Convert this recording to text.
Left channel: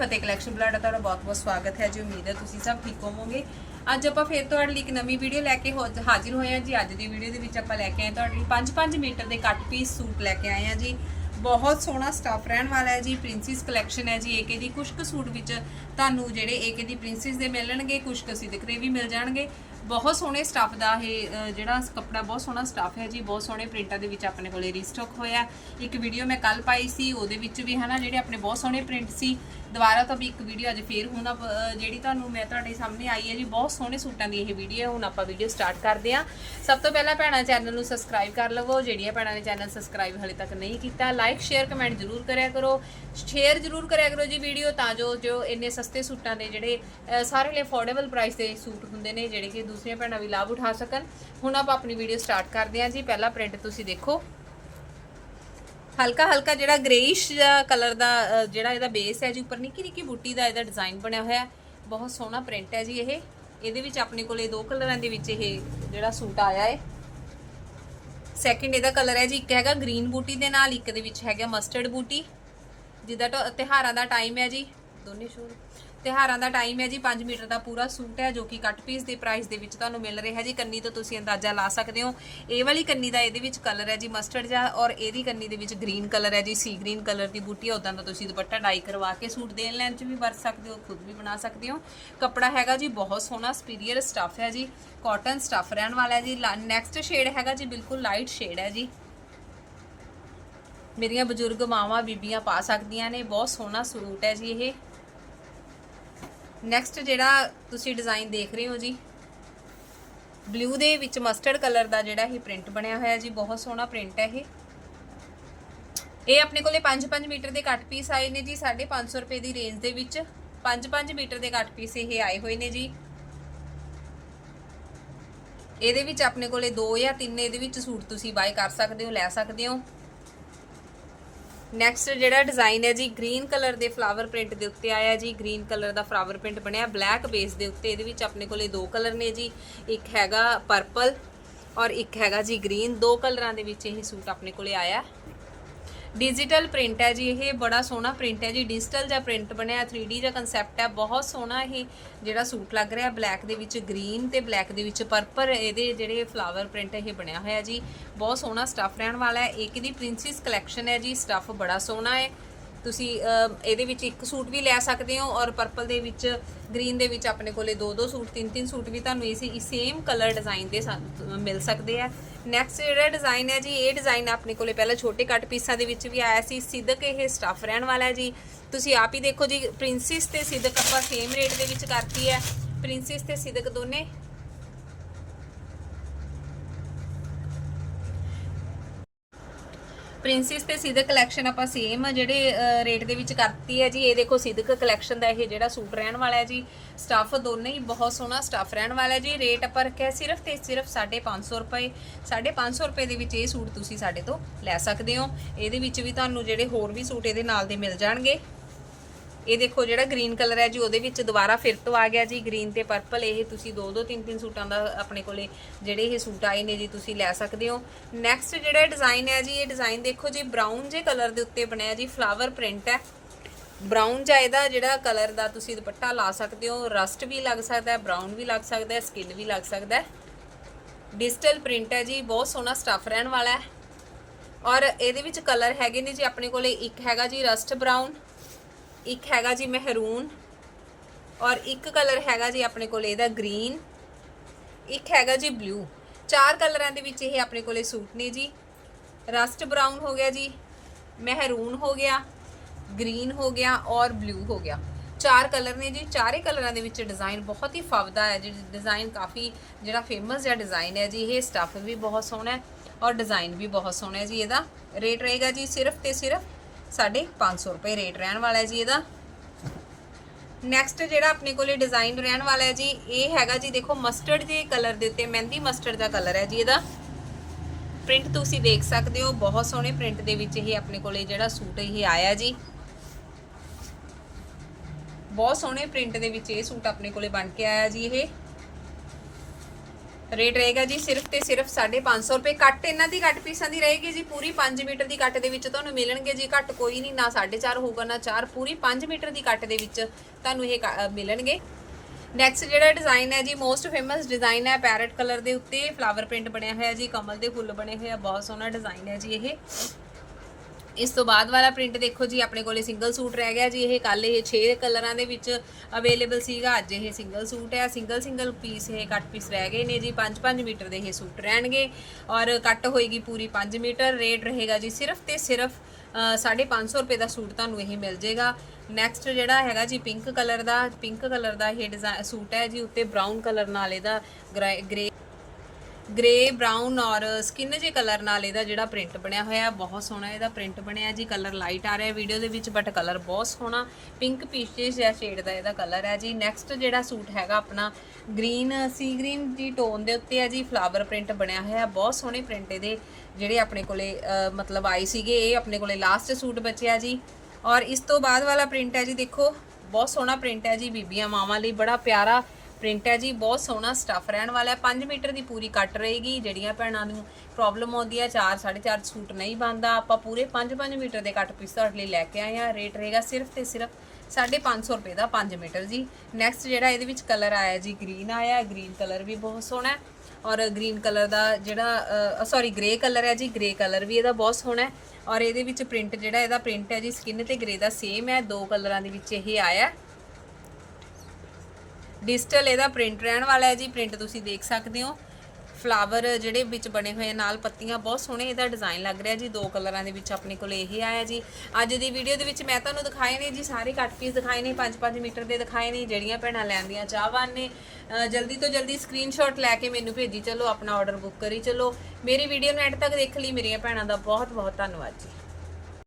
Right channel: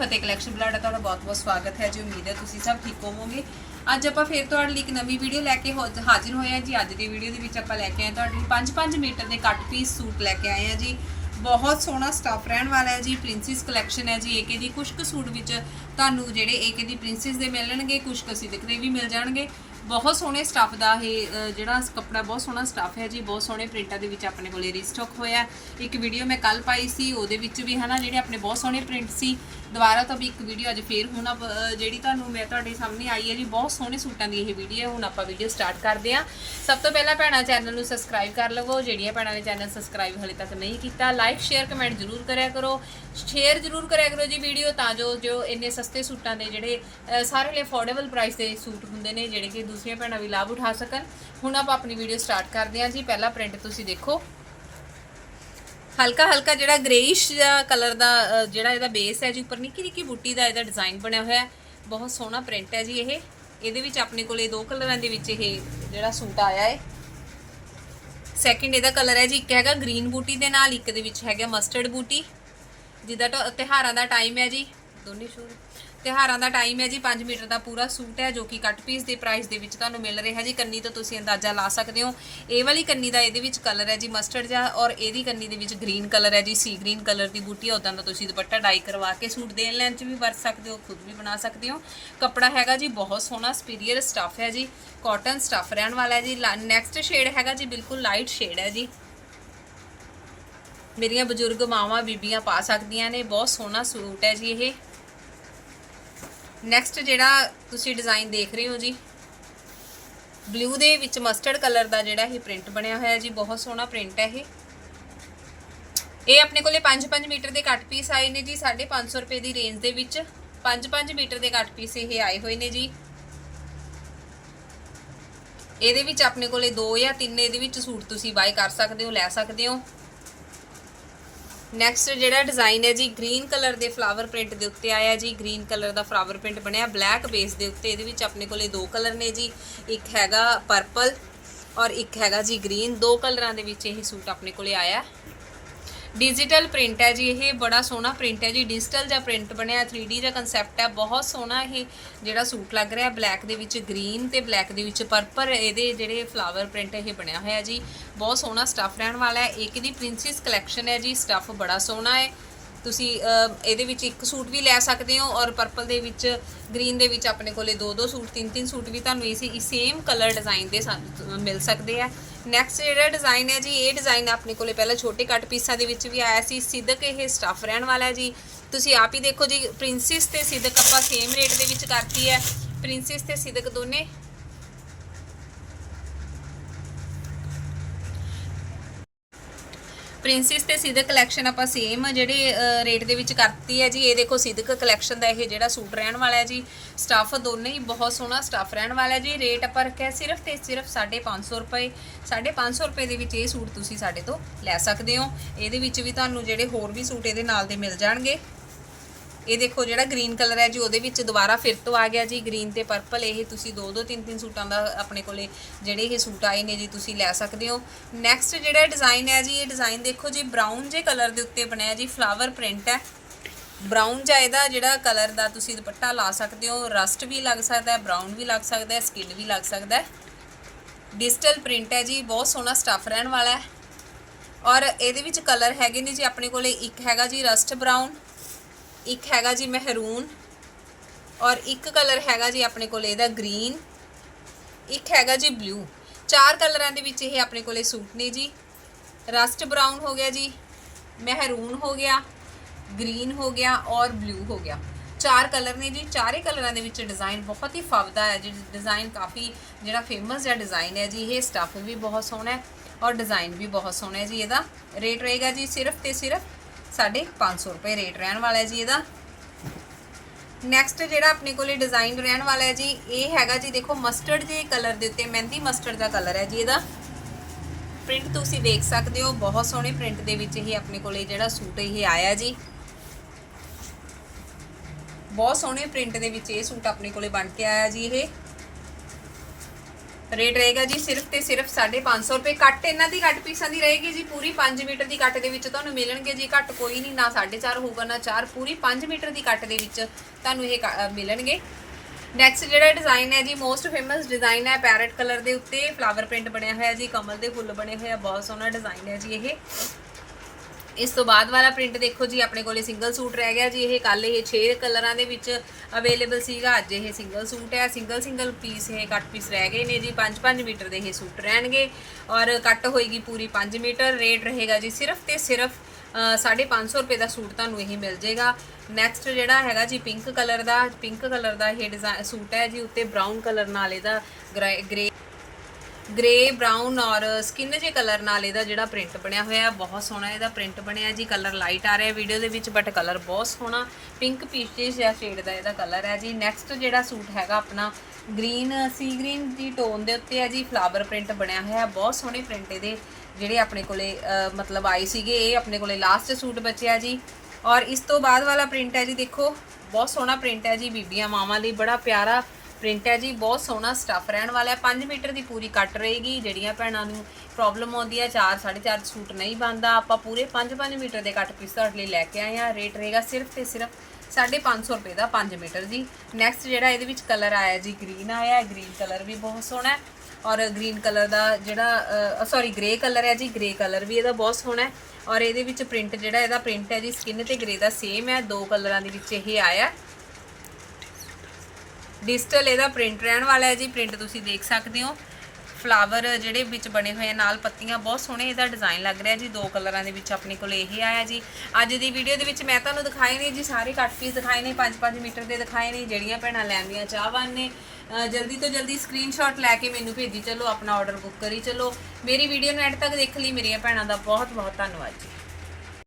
ਫਤਿਹ collection ਬਲਾਡਾ ਤੁਹਾਡਾ ਬਹੁਤ-ਬਹੁਤ ਸਵਾਗਤ ਹੈ, ਜੀ ਉਮੀਦ ਹੈ ਤੁਸੀਂ ਸਭ ਠੀਕ ਹੋਵੋਗੇ। ਅੱਜ ਆਪਾਂ ਫੇਰ ਤੁਹਾਡੇ ਲਈ ਇੱਕ ਨਵੀਂ ਵੀਡੀਓ ਲੈ ਕੇ ਹੋ- ਹਾਜ਼ਰ ਹੋਏ ਹਾਂ ਜੀ। ਅੱਜ ਦੀ ਵੀਡੀਓ ਦੇ ਵਿੱਚ ਆਪਾਂ ਲੈ ਕੇ ਆਏ ਤੁਹਾਡੇ ਲਈ 5-5 ਮੀਟਰ ਦੇ ਕੱਟ ਪੀਸ ਸੂਟ ਲੈ ਕੇ ਆਏ ਹਾਂ ਜੀ। ਬਹੁਤ ਸੋਹਣਾ ਸਟਾਫ ਰਹਿਣ ਵਾਲਾ ਹੈ ਜੀ ਪ੍ਰਿੰਸੈਸ ਕਲੈਕਸ਼ਨ ਹੈ ਜੀ। ਏਕੇ ਦੀ ਕੁਝ ਕੁ ਸੂਟ ਵਿੱਚ ਤੁਹਾਨੂੰ ਜਿਹੜੇ ਏਕੇ ਦੀ ਪ੍ਰਿੰਸੈਸ ਦੇ ਮਿਲਣਗੇ ਕੁਝ ਕੁ ਸਿਦਕ ਦੇ ਵੀ ਮਿਲ ਜਾਣਗੇ। ਬਹੁਤ ਸੋਹਣੇ ਸਟੱਫ ਦਾ ਇਹ ਅ, ਜਿਹੜਾ ਕੱਪੜਾ ਬਹੁਤ ਸੋਹਣਾ ਸਟੱਫ ਹੈ ਜੀ ਬਹੁਤ ਸੋਹਣੇ ਪ੍ਰਿੰਟਾਂ ਦੇ ਵਿੱਚ ਆਪਣੇ ਕੋਲੇ ਰੀਸਟਾਕ ਹੋਇਆ। ਇੱਕ ਵੀਡੀਓ ਮੈਂ ਕੱਲ ਪਾਈ ਸੀ ਉਹਦੇ ਵਿੱਚ ਵੀ ਹਨਾ ਜਿਹੜੇ ਆਪਣੇ ਬਹੁਤ ਸੋਹਣੇ ਪ੍ਰਿੰਟ ਸੀ ਦੁਬਾਰਾ ਤੋਂ ਵੀ ਇੱਕ ਵੀਡੀਓ ਅੱਜ ਫੇਰ ਹੁਣ ਆਪ- ਅ, ਜਿਹੜੀ ਤੁਹਾਨੂੰ ਮੈਂ ਤੁਹਾਡੇ ਸਾਹਮਣੇ ਆਈ ਹੈ ਜੀ ਬਹੁਤ ਸੋਹਣੇ ਸੂਟਾਂ ਦੀ ਇਹ ਵੀਡੀਓ ਹੈ ਹੁਣ ਆਪਾਂ ਵੀਡੀਓ ਸਟਾਰਟ ਕਰਦੇ ਹਾਂ। ਸਭ ਤੋਂ ਪਹਿਲਾਂ ਭੈਣਾਂ ਚੈਨਲ ਨੂੰ ਸਬਸਕ੍ਰਾਈਬ ਕਰ ਲਵੋ ਜਿਹੜੀਆਂ ਭੈਣਾਂ ਨੇ ਚੈਨਲ ਸਬਸਕ੍ਰਾਈਬ ਹਲੇ ਤੱਕ ਨਹੀਂ ਕੀਤਾ ਲਾਈਕ ਸ਼ੇਅਰ ਕਮੈਂਟ ਜ਼ਰੂਰ ਕਰਿਆ ਕਰੋ। ਸ਼ੇਅਰ ਜ਼ਰੂਰ ਕਰਿਆ ਕਰੋ ਜੀ ਵੀਡੀਓ ਤਾਂ ਜੋ ਜੋ ਇੰਨੇ ਸਸਤੇ ਸੂਟਾਂ ਦੇ ਜਿਹੜੇ ਅ, ਸਾਰੇ ਲਈ ਅਫੋਰਡੇਬਲ ਪ੍ਰਾਈਸ ਦੇ ਸੂਟ ਹੁੰਦੇ ਨੇ ਜਿਹੜੇ ਕਿ ਦੂਸਰੀਆਂ ਭੈਣਾਂ ਵੀ ਲਾਭ ਉਠਾ ਸਕਣ। ਹੁਣ ਆਪਾਂ ਆਪਣੀ ਵੀਡੀਓ ਸਟਾਰਟ ਕਰਦੇ ਹਾਂ ਜੀ। ਪਹਿਲਾ ਪ੍ਰਿੰਟ ਤੁਸੀਂ ਦੇਖੋ। ਹਲਕਾ ਹਲਕਾ ਜਿਹੜਾ ਗ੍ਰੇਇਸ਼ ਦਾ ਕਲਰ ਦਾ ਜਿਹੜਾ ਇਹਦਾ ਬੇਸ ਹੈ ਜੀ, ਉੱਪਰ ਨਿੱਕੀ ਨਿੱਕੀ ਬੂਟੀ ਦਾ ਇਹਦਾ ਡਿਜ਼ਾਈਨ ਬਣਿਆ ਹੋਇਆ ਹੈ। ਬਹੁਤ ਸੋਹਣਾ ਪ੍ਰਿੰਟ ਹੈ ਜੀ ਇਹ। ਇਹਦੇ ਵਿੱਚ ਆਪਣੇ ਕੋਲੇ ਦੋ ਕਲਰਾਂ ਦੇ ਵਿੱਚ ਇਹ ਜਿਹੜਾ ਸੂਟ ਆਇਆ ਹੈ। ਸੈਕਿੰਡ ਇਹਦਾ ਕਲਰ ਹੈ ਜੀ, ਇੱਕ ਹੈਗਾ ਗ੍ਰੀਨ ਬੂਟੀ ਦੇ ਨਾਲ, ਇੱਕ ਦੇ ਵਿੱਚ ਹੈਗਾ ਮਸਟਰਡ ਬੂਟੀ। ਜਿਹਦਾ ਟ- ਤਿਉਹਾਰਾਂ ਦਾ ਟਾਈਮ ਹੈ ਜੀ। ਦੋਨੇ ਸ਼ੋਰ ਤਿਉਹਾਰਾਂ ਦਾ ਟਾਈਮ ਹੈ ਜੀ 5 ਮੀਟਰ ਦਾ ਪੂਰਾ ਸੂਟ ਹੈ ਜੋ ਕਿ ਕੱਟ ਪੀਸ ਦੇ ਪ੍ਰਾਈਸ ਦੇ ਵਿੱਚ ਤੁਹਾਨੂੰ ਮਿਲ ਰਿਹਾ ਜੀ। ਕੰਨੀ ਤੋਂ ਤੁਸੀਂ ਅੰਦਾਜ਼ਾ ਲਾ ਸਕਦੇ ਹੋ। ਇਹ ਵਾਲੀ ਕੰਨੀ ਦਾ ਇਹਦੇ ਵਿੱਚ ਕਲਰ ਹੈ ਜੀ ਮਸਟਰਡ ਜਾਂ ਔਰ ਇਹਦੀ ਕੰਨੀ ਦੇ ਵਿੱਚ ਗ੍ਰੀਨ ਕਲਰ ਹੈ ਜੀ ਸੀ ਗ੍ਰੀਨ ਕਲਰ ਦੀ ਬੂਟੀ ਉਦਾਂ ਦਾ ਤੁਸੀਂ ਦੁਪੱਟਾ ਡਾਈ ਕਰਵਾ ਕੇ ਸੂਟ ਦੇਣ ਲੈਣ 'ਚ ਵੀ ਵਰਤ ਸਕਦੇ ਹੋ, ਖੁਦ ਵੀ ਬਣਾ ਸਕਦੇ ਹੋ। ਕੱਪੜਾ ਹੈਗਾ ਜੀ ਬਹੁਤ ਸੋਹਣਾ ਸਪੀਰੀਅਰ ਸਟੱਫ ਹੈ ਜੀ। ਕਾਟਨ ਸਟੱਫ ਰਹਿਣ ਵਾਲਾ ਹੈ ਜੀ। ਨੈਕਸਟ ਸ਼ੇਡ ਹੈਗਾ ਜੀ, ਬਿਲਕੁਲ ਲਾਈਟ ਸ਼ੇਡ ਹੈ ਜੀ। ਮੇਰੀਆਂ ਬਜ਼ੁਰਗ ਮਾਵਾਂ ਬੀਬੀਆਂ ਪਾ ਸਕਦੀਆਂ ਨੇ। ਬਹੁਤ ਸੋਹਣਾ ਸੂਟ ਹੈ ਜੀ ਇਹ। ਨੈਕਸਟ ਜਿਹੜਾ ਤੁਸੀਂ ਡਿਜ਼ਾਈਨ ਦੇਖ ਰਹੇ ਹੋ ਜੀ ਬਲੂ ਦੇ ਵਿੱਚ ਮਸਟਰਡ ਕਲਰ ਦਾ ਜਿਹੜਾ ਇਹ ਪ੍ਰਿੰਟ ਬਣਿਆ ਹੋਇਆ ਜੀ, ਬਹੁਤ ਸੋਹਣਾ ਪ੍ਰਿੰਟ ਹੈ ਇਹ। ਇਹ ਆਪਣੇ ਕੋਲੇ 5-5 ਮੀਟਰ ਦੇ ਕੱਟ ਪੀਸ ਆਏ ਨੇ ਜੀ 550 ਰੁਪਏ ਦੀ ਰੇਂਜ ਦੇ ਵਿੱਚ 5-5 ਮੀਟਰ ਦੇ ਕੱਟ ਪੀਸ ਇਹ ਆਏ ਹੋਏ ਨੇ ਜੀ। ਇਹਦੇ ਵਿੱਚ ਆਪਣੇ ਕੋਲੇ 2 ਜਾਂ 3 ਇਹਦੇ ਵਿੱਚ ਸੂਟ ਤੁਸੀਂ ਬਾਈ ਕਰ ਸਕਦੇ ਹੋ, ਲੈ ਸਕਦੇ ਹੋ। ਨੈਕਸਟ ਜਿਹੜਾ ਡਿਜ਼ਾਈਨ ਹੈ ਜੀ ਗ੍ਰੀਨ ਕਲਰ ਦੇ ਫਲਾਵਰ ਪ੍ਰਿੰਟ ਦੇ ਉੱਤੇ ਆਇਆ ਜੀ। ਗ੍ਰੀਨ ਕਲਰ ਦਾ ਫਲਾਵਰ ਪ੍ਰਿੰਟ ਬਣਿਆ ਬਲੈਕ ਬੇਸ ਦੇ ਉੱਤੇ। ਇਹਦੇ ਵਿੱਚ ਆਪਣੇ ਕੋਲੇ ਦੋ ਕਲਰ ਨੇ ਜੀ। ਇੱਕ ਹੈਗਾ ਪਰਪਲ ਔਰ ਇੱਕ ਹੈਗਾ ਜੀ ਗ੍ਰੀਨ ਦੋ ਕਲਰਾਂ ਦੇ ਵਿੱਚ ਇਹ ਸੂਟ ਆਪਣੇ ਕੋਲੇ ਆਇਆ। ਡਿਜੀਟਲ ਪ੍ਰਿੰਟ ਹੈ ਜੀ, ਇਹ ਬੜਾ ਸੋਹਣਾ ਪ੍ਰਿੰਟ ਹੈ ਜੀ। ਡਿਜੀਟਲ ਜਾਂ ਪ੍ਰਿੰਟ ਬਣਿਆ 3D ਦਾ ਕਨਸੈਪਟ ਹੈ। ਬਹੁਤ ਸੋਹਣਾ ਇਹ ਜਿਹੜਾ ਸੂਟ ਲੱਗ ਰਿਹਾ ਬਲੈਕ ਦੇ ਵਿੱਚ ਗ੍ਰੀਨ ਤੇ ਬਲੈਕ ਦੇ ਵਿੱਚ ਪਰਪਲ ਇਹਦੇ ਜਿਹੜੇ ਫਲਾਵਰ ਪ੍ਰਿੰਟ ਇਹ ਬਣਿਆ ਹੋਇਆ ਜੀ। ਬਹੁਤ ਸੋਹਣਾ ਸਟੱਫ ਰਹਿਣ ਵਾਲਾ ਹੈ। ਇੱਕ ਦੀ ਪ੍ਰਿੰਸਿਸ ਕਲੈਕਸ਼ਨ ਹੈ ਜੀ ਸਟੱਫ ਬੜਾ ਸੋਹਣਾ ਹੈ। ਤੁਸੀਂ ਇਹਦੇ ਵਿੱਚ ਇੱਕ ਸੂਟ ਵੀ ਲੈ ਸਕਦੇ ਹੋ ਔਰ ਪਰਪਲ ਦੇ ਵਿੱਚ ਗ੍ਰੀਨ ਦੇ ਵਿੱਚ ਆਪਣੇ ਕੋਲੇ ਦੋ ਦੋ ਸੂਟ, ਤਿੰਨ ਤਿੰਨ ਸੂਟ ਵੀ ਤੁਹਾਨੂੰ ਇਸੇ ਸੇਮ ਕਲਰ ਡਿਜ਼ਾਈਨ ਦੇ ਸਾਨੂੰ ਮਿਲ ਸਕਦੇ ਆ। ਨੈਕਸਟ ਜਿਹੜਾ ਡਿਜ਼ਾਈਨ ਹੈ ਜੀ, ਇਹ ਡਿਜ਼ਾਈਨ ਆਪਣੇ ਕੋਲੇ ਪਹਿਲਾਂ ਛੋਟੇ ਕੱਟ ਪੀਸਾਂ ਦੇ ਵਿੱਚ ਵੀ ਆਇਆ ਸੀ। ਸਿੱਧਕ ਇਹ ਸਟੱਫ ਰਹਿਣ ਵਾਲਾ ਹੈ ਜੀ। ਤੁਸੀਂ ਆਪ ਹੀ ਦੇਖੋ ਜੀ ਪ੍ਰਿੰਸੈਸ ਤੇ ਸਿੱਧਕ ਆਪਾਂ ਸੇਮ ਰੇਟ ਦੇ ਵਿੱਚ ਕਰਤੀ ਹੈ। ਪ੍ਰਿੰਸੈਸ ਤੇ ਸਿੱਧਕ ਦੋਨੇ ਪ੍ਰਿੰਸਿਸ ਤੇ ਸਿਦਕ ਕਲੈਕਸ਼ਨ ਆਪਾਂ ਸੇਮ ਜਿਹੜੇ ਰੇਟ ਦੇ ਵਿੱਚ ਕਰਤੀ ਹੈ ਜੀ। ਇਹ ਦੇਖੋ ਸਿਦਕ ਕਲੈਕਸ਼ਨ ਦਾ ਇਹ ਜਿਹੜਾ ਸੂਟ ਰਹਿਣ ਵਾਲਾ ਹੈ ਜੀ। ਸਟੱਫ ਦੋਨੇ ਹੀ ਬਹੁਤ ਸੋਹਣਾ ਸਟੱਫ ਰਹਿਣ ਵਾਲਾ ਹੈ ਜੀ। ਰੇਟ ਆਪਾਂ ਰੱਖਿਆ ਸਿਰਫ ਤੇ ਸਿਰਫ 550 ਰੁਪਏ। 550 ਰੁਪਏ ਦੇ ਵਿੱਚ ਇਹ ਸੂਟ ਤੁਸੀਂ ਸਾਡੇ ਤੋਂ ਲੈ ਸਕਦੇ ਹੋ। ਇਹਦੇ ਵਿੱਚ ਵੀ ਤੁਹਾਨੂੰ ਜਿਹੜੇ ਹੋਰ ਵੀ ਸੂਟ ਇਹਦੇ ਨਾਲ ਦੇ ਮਿਲ ਜਾਣਗੇ। ਇਹ ਦੇਖੋ ਜਿਹੜਾ ਗ੍ਰੀਨ ਕਲਰ ਹੈ ਜੀ, ਉਹਦੇ ਵਿੱਚ ਦੁਬਾਰਾ ਫਿਰ ਤੋਂ ਆ ਗਿਆ ਜੀ ਗ੍ਰੀਨ ਤੇ ਪਰਪਲ ਇਹ ਤੁਸੀਂ ਦੋ ਦੋ ਤਿੰਨ ਤਿੰਨ ਸੂਟਾਂ ਦਾ ਆਪਣੇ ਕੋਲੇ ਜਿਹੜੇ ਇਹ ਸੂਟ ਆਏ ਨੇ ਜੀ, ਤੁਸੀਂ ਲੈ ਸਕਦੇ ਹੋ। ਨੈਕਸਟ ਜਿਹੜਾ ਡਿਜ਼ਾਈਨ ਹੈ ਜੀ, ਇਹ ਡਿਜ਼ਾਈਨ ਦੇਖੋ ਜੀ ਬਰਾਊਨ ਜੇ ਕਲਰ ਦੇ ਉੱਤੇ ਬਣਿਆ ਜੀ ਫਲਾਵਰ ਪ੍ਰਿੰਟ ਹੈ। ਬਰਾਊਨ ਜਾਂ ਇਹਦਾ ਜਿਹੜਾ ਕਲਰ ਦਾ ਤੁਸੀਂ ਦੁਪੱਟਾ ਲਾ ਸਕਦੇ ਹੋ ਰਸਟ ਵੀ ਲੱਗ ਸਕਦਾ ਹੈ ਬਰਾਊਨ ਵੀ ਲੱਗ ਸਕਦਾ ਹੈ ਸਕਿਨ ਵੀ ਲੱਗ ਸਕਦਾ ਹੈ। ਡਿਜੀਟਲ ਪ੍ਰਿੰਟ ਹੈ ਜੀ, ਬਹੁਤ ਸੋਹਣਾ ਸਟੱਫ ਰਹਿਣ ਵਾਲਾ ਹੈ। ਔਰ ਇਹਦੇ ਵਿੱਚ ਕਲਰ ਹੈਗੇ ਨੇ ਜੀ, ਆਪਣੇ ਕੋਲੇ ਇੱਕ ਹੈਗਾ ਜੀ ਰਸਟ ਬਰਾਊਨ ਇੱਕ ਹੈਗਾ ਜੀ ਮਹਿਰੂਨ ਔਰ ਇੱਕ ਕਲਰ ਹੈਗਾ ਜੀ ਆਪਣੇ ਕੋਲ ਇਹਦਾ ਗ੍ਰੀਨ, ਇੱਕ ਹੈਗਾ ਜੀ ਬਲੂ। ਚਾਰ ਕਲਰਾਂ ਦੇ ਵਿੱਚ ਇਹ ਆਪਣੇ ਕੋਲੇ ਸੂਟ ਨੇ ਜੀ। ਰਸਟ ਬਰਾਊਨ ਹੋ ਗਿਆ ਜੀ, ਮਹਿਰੂਨ ਹੋ ਗਿਆ, ਗ੍ਰੀਨ ਹੋ ਗਿਆ ਔਰ ਬਲੂ ਹੋ ਗਿਆ। ਚਾਰ ਕਲਰ ਨੇ ਜੀ, ਚਾਰੇ ਕਲਰਾਂ ਦੇ ਵਿੱਚ ਡਿਜ਼ਾਈਨ ਬਹੁਤ ਹੀ ਫਵਦਾ ਹੈ ਜੀ। ਡਿਜ਼ਾਈਨ ਕਾਫੀ ਜਿਹੜਾ ਫੇਮਸ ਜਿਹਾ ਡਿਜ਼ਾਈਨ ਹੈ ਜੀ, ਇਹ ਸਟੱਫ ਵੀ ਬਹੁਤ ਸੋਹਣਾ ਹੈ ਔਰ ਡਿਜ਼ਾਈਨ ਵੀ ਬਹੁਤ ਸੋਹਣਾ ਹੈ ਜੀ ਇਹਦਾ। ਰੇਟ ਰਹੇਗਾ ਜੀ ਸਿਰਫ ਤੇ ਸਿਰਫ 550 ਰੁਪਏ ਰੇਟ ਰਹਿਣ ਵਾਲਾ ਹੈ ਜੀ ਇਹਦਾ। ਨੈਕਸਟ ਜਿਹੜਾ ਆਪਣੇ ਕੋਲੇ ਡਿਜ਼ਾਈਨ ਰਹਿਣ ਵਾਲਾ ਹੈ ਜੀ, ਇਹ ਹੈਗਾ ਜੀ ਦੇਖੋ ਮਸਟਰਡ ਦੇ ਕਲਰ ਦੇ ਉੱਤੇ, ਮਹਿੰਦੀ ਮਸਟਰਡ ਦਾ ਕਲਰ ਹੈ ਜੀ ਇਹਦਾ। ਪ੍ਰਿੰਟ ਤੁਸੀਂ ਦੇਖ ਸਕਦੇ ਹੋ, ਬਹੁਤ ਸੋਹਣੇ ਪ੍ਰਿੰਟ ਦੇ ਵਿੱਚ ਇਹ ਆਪਣੇ ਕੋਲੇ ਜਿਹੜਾ ਸੂਟ ਇਹ ਆਇਆ ਜੀ। ਬਹੁਤ ਸੋਹਣੇ ਪ੍ਰਿੰਟ ਦੇ ਵਿੱਚ ਇਹ ਸੂਟ ਆਪਣੇ ਕੋਲੇ ਬਣ ਕੇ ਆਇਆ ਜੀ ਇਹ। ਰੇਟ ਰਹੇਗਾ ਜੀ ਸਿਰਫ ਤੇ ਸਿਰਫ 550 ਰੁਪਏ। ਕੱਟ ਇਹਨਾਂ ਦੀ ਕੱਟ ਪੀਸਾਂ ਦੀ ਰਹੇਗੀ ਜੀ, ਪੂਰੀ 5 ਮੀਟਰ ਦੀ ਕੱਟ ਦੇ ਵਿੱਚ ਤੁਹਾਨੂੰ ਮਿਲਣਗੇ ਜੀ। ਕੱਟ ਕੋਈ ਨਹੀਂ, ਨਾ 4.5 ਹੋਊਗਾ, ਨਾ 4 ਪੂਰੀ 5 ਮੀਟਰ ਦੀ ਕੱਟ ਦੇ ਵਿੱਚ ਤੁਹਾਨੂੰ ਇਹ ਕ- ਮਿਲਣਗੇ। ਨੈਕਸਟ ਜਿਹੜਾ ਡਿਜ਼ਾਈਨ ਹੈ ਜੀ ਮੋਸਟ ਫੇਮਸ ਡਿਜ਼ਾਈਨ ਹੈ ਪੈਰਟ ਕਲਰ ਦੇ ਉੱਤੇ। ਫਲਾਵਰ ਪ੍ਰਿੰਟ ਬਣਿਆ ਹੋਇਆ ਜੀ, ਕਮਲ ਦੇ ਫੁੱਲ ਬਣੇ ਹੋਏ ਆ, ਬਹੁਤ ਸੋਹਣਾ ਡਿਜ਼ਾਈਨ ਹੈ ਜੀ ਇਹ। ਇਸ ਤੋਂ ਬਾਅਦ ਵਾਲਾ ਪ੍ਰਿੰਟ ਦੇਖੋ ਜੀ ਆਪਣੇ ਕੋਲੇ ਸਿੰਗਲ ਸੂਟ ਰਹਿ ਗਿਆ ਜੀ ਇਹ ਕੱਲ ਇਹ 6 ਕਲਰਾਂ ਦੇ ਵਿੱਚ ਅਵੇਲੇਬਲ ਸੀਗਾ ਅੱਜ ਇਹ ਸਿੰਗਲ ਸੂਟ ਹੈ। ਸਿੰਗਲ ਸਿੰਗਲ ਪੀਸ ਇਹ ਕੱਟ ਪੀਸ ਰਹਿ ਗਏ ਨੇ ਜੀ 5-5 ਮੀਟਰ ਦੇ ਇਹ ਸੂਟ ਰਹਿਣਗੇ ਔਰ ਕੱਟ ਹੋਏਗੀ ਪੂਰੀ 5 ਮੀਟਰ ਰੇਟ ਰਹੇਗਾ ਜੀ ਸਿਰਫ ਤੇ ਸਿਰਫ ਅ, 550 ਰੁਪਏ ਦਾ ਸੂਟ ਤੁਹਾਨੂੰ ਇਹ ਮਿਲ ਜਾਏਗਾ। ਨੈਕਸਟ ਜਿਹੜਾ ਹੈਗਾ ਜੀ ਪਿੰਕ ਕਲਰ ਦਾ ਪਿੰਕ ਕਲਰ ਦਾ ਇਹ ਡਿਜ਼ਾਈਨ ਸੂਟ ਹੈ ਜੀ ਉੱਤੇ ਬ੍ਰਾਊਨ ਕਲਰ ਨਾਲ ਇਹਦਾ ਗ੍ਰੇ ਗ੍ਰੇ ਬ੍ਰਾਊਨ ਔਰ ਸਕਿਨ ਜੇ ਕਲਰ ਨਾਲ ਇਹਦਾ ਜਿਹੜਾ ਪ੍ਰਿੰਟ ਬਣਿਆ ਹੋਇਆ ਬਹੁਤ ਸੋਹਣਾ ਇਹਦਾ ਪ੍ਰਿੰਟ ਬਣਿਆ ਜੀ ਕਲਰ ਲਾਈਟ ਆ ਰਿਹਾ ਵੀਡੀਓ ਦੇ ਵਿੱਚ ਬਟ ਕਲਰ ਬਹੁਤ ਸੋਹਣਾ ਪਿੰਕ ਪੀਚਸ ਜਾਂ ਸ਼ੇਡ ਦਾ ਇਹਦਾ ਕਲਰ ਹੈ ਜੀ। ਨੈਕਸਟ ਜਿਹੜਾ ਸੂਟ ਹੈਗਾ ਆਪਣਾ ਗ੍ਰੀਨ ਸੀ ਗ੍ਰੀਨ ਦੀ ਟੋਨ ਦੇ ਉੱਤੇ ਹੈ ਜੀ ਫਲਾਵਰ ਪ੍ਰਿੰਟ ਬਣਿਆ ਹੋਇਆ ਬਹੁਤ ਸੋਹਣੇ ਪ੍ਰਿੰਟ ਇਹਦੇ ਜਿਹੜੇ ਆਪਣੇ ਕੋਲੇ ਮਤਲਬ ਆਏ ਸੀਗੇ, ਇਹ ਆਪਣੇ ਕੋਲੇ ਲਾਸਟ ਸੂਟ ਬਚਿਆ ਜੀ। ਔਰ ਇਸ ਤੋਂ ਬਾਅਦ ਵਾਲਾ ਪ੍ਰਿੰਟ ਹੈ ਜੀ, ਦੇਖੋ, ਬਹੁਤ ਸੋਹਣਾ ਪ੍ਰਿੰਟ ਹੈ ਜੀ, ਬੀਬੀਆਂ ਮਾਵਾਂ ਲਈ ਬੜਾ ਪਿਆਰਾ ਪ੍ਰਿੰਟ ਹੈ ਜੀ, ਬਹੁਤ ਸੋਹਣਾ ਸਟਫ ਰਹਿਣ ਵਾਲਾ ਹੈ। 5 ਮੀਟਰ ਦੀ ਪੂਰੀ ਕੱਟ ਰਹੇਗੀ, ਜਿਹੜੀਆਂ ਭੈਣਾਂ ਨੂੰ ਪ੍ਰੋਬਲਮ ਆਉਂਦੀ ਹੈ 4 4.5 ਸੂਟ ਨਹੀਂ ਬਣਦਾ। ਆਪਾਂ ਪੂਰੇ 5-5 ਮੀਟਰ ਦੇ ਕੱਟ ਪੀਸ ਤੁਹਾਡੇ ਲਈ ਲੈ ਕੇ ਆਏ ਆ ਰੇਟ ਰਹੇਗਾ ਸਿਰਫ ਤੇ ਸਿਰਫ 550 ਰੁਪਏ ਦਾ 5 ਮੀਟਰ ਜੀ। ਨੈਕਸਟ ਜਿਹੜਾ ਇਹਦੇ ਵਿੱਚ ਕਲਰ ਆਇਆ ਜੀ ਗ੍ਰੀਨ ਆਇਆ। ਗ੍ਰੀਨ ਕਲਰ ਵੀ ਬਹੁਤ ਸੋਹਣਾ ਹੈ। ਔਰ ਗ੍ਰੀਨ ਕਲਰ ਦਾ ਜਿਹੜਾ ਸੌਰੀ ਗ੍ਰੇ ਕਲਰ ਹੈ ਜੀ। ਗ੍ਰੇ ਕਲਰ ਵੀ ਇਹਦਾ ਬਹੁਤ ਸੋਹਣਾ ਹੈ। ਔਰ ਇਹਦੇ ਵਿੱਚ ਪ੍ਰਿੰਟ ਜਿਹੜਾ ਇਹਦਾ ਪ੍ਰਿੰਟ ਹੈ ਜੀ ਸਕਿਨ ਤੇ ਗ੍ਰੇ ਦਾ ਸੇਮ ਹੈ। ਦੋ ਕਲਰਾਂ ਦੇ ਵਿੱਚ ਇਹ ਆਇਆ। ਡਿਜੀਟਲ ਇਹਦਾ ਪ੍ਰਿੰਟ ਰਹਿਣ ਵਾਲਾ ਹੈ ਜੀ ਪ੍ਰਿੰਟ ਤੁਸੀਂ ਦੇਖ ਸਕਦੇ ਹੋ। ਫਲਾਵਰ ਜਿਹੜੇ ਵਿੱਚ ਬਣੇ ਹੋਏ ਨਾਲ ਪੱਤੀਆਂ ਬਹੁਤ ਸੋਹਣੇ ਇਹਦਾ ਡਿਜ਼ਾਈਨ ਲੱਗ ਰਿਹਾ ਜੀ, ਦੋ ਕਲਰਾਂ ਦੇ ਵਿੱਚ ਆਪਣੇ ਕੋਲ ਇਹ ਆਇਆ ਜੀ। ਅੱਜ ਦੀ ਵੀਡੀਓ ਦੇ ਵਿੱਚ ਮੈਂ ਤੁਹਾਨੂੰ ਦਿਖਾਏ ਨੇ ਜੀ, ਸਾਰੇ ਕੱਟ ਪੀਸ ਦਿਖਾਏ ਨੇ 5-5 ਮੀਟਰ ਦੇ ਦਿਖਾਏ ਨੇ, ਜਿਹੜੀਆਂ ਭੈਣਾਂ ਲੈਂਦੀਆਂ ਚਾਹਵਾਨ ਨੇ। ਜਲਦੀ ਤੋਂ ਜਲਦੀ ਸਕਰੀਨਸ਼ਾਟ ਲੈ ਕੇ ਮੈਨੂੰ ਭੇਜੀ ਚਲੋ, ਆਪਣਾ ਆਰਡਰ ਬੁੱਕ ਕਰੀ ਚਲੋ। ਮੇਰੀ ਵੀਡੀਓ ਨੂੰ ਐਡ ਤੱਕ ਦੇਖ ਲਈ, ਮੇਰੀਆਂ ਭੈਣਾਂ ਦਾ ਬਹੁਤ ਬਹੁਤ ਧੰਨਵਾਦ ਜੀ।